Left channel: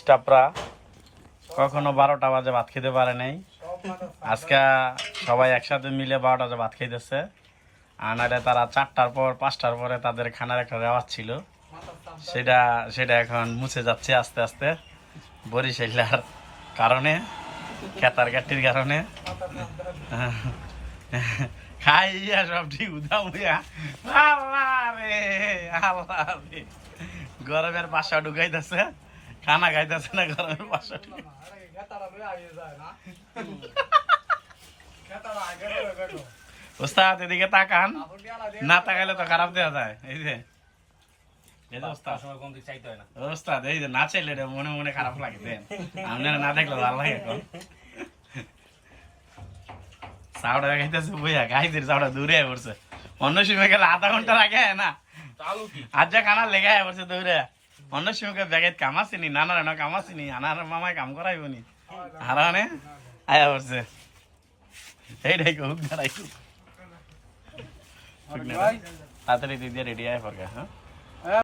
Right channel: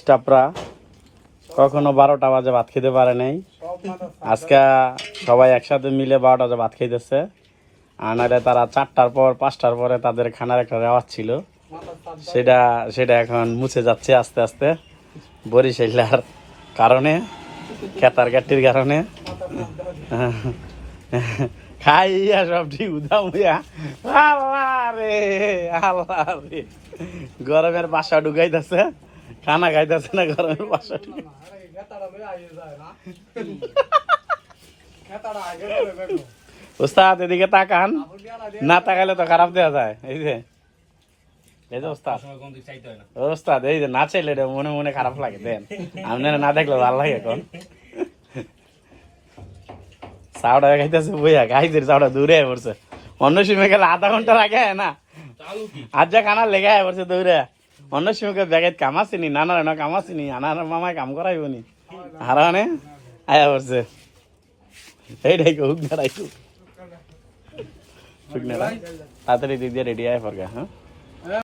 স্টাফরা কখনো 12টা বাজে ভাত খেতে পারে নাই। আজকে সবাই একসাথে মিলে 12টা বাজে ভাত খাইতেছে। আর নাহলে তারা 4টার পর 5টার পরে তাদের খানার একটা রেওয়াজ ছিল, সেটা সেটা এখন মুছে যাচ্ছে আস্তে আস্তে বরিশালার কারণে, খেতার গাটির কারণে। খাইয়া সব ঠিক উদাম হইয়া আল্লাহ রে আল্লাহ রে, গরমের বাসা ঢুকাইতেছে, খানা খাইতেছে না, গরমের বাসা ঢুকাই। ওস্তাদ এদিকে তাকান, না তাকাইলে তো খারাপ দেওয়া যায়। এই যে ওস্তাদ এই যে না চাইলে মনে মনে খারাপ লাগে, দেন আপনারা না দেখলে ভালো লাগে। এখন চাউটা খাইতেছে বইয়া, খাইতে চাউটা দূরে পড়ছে। অন্য সময় গেলে আধা ঘন্টা লাগে না, আজ যা খানা লেগে পড়ছে দৌড়ে। অন্য সময় ব্যাগের কাম আসেনি, নানার কাম আসেনি, আনার মামায় কাম করাইব নি, হারানে আয়া পড়ছে। এইটাই হুক দাঁড়াইতো তাড়াতাড়ি দিদি রেডি আয় পড়গা। হ্যাঁ।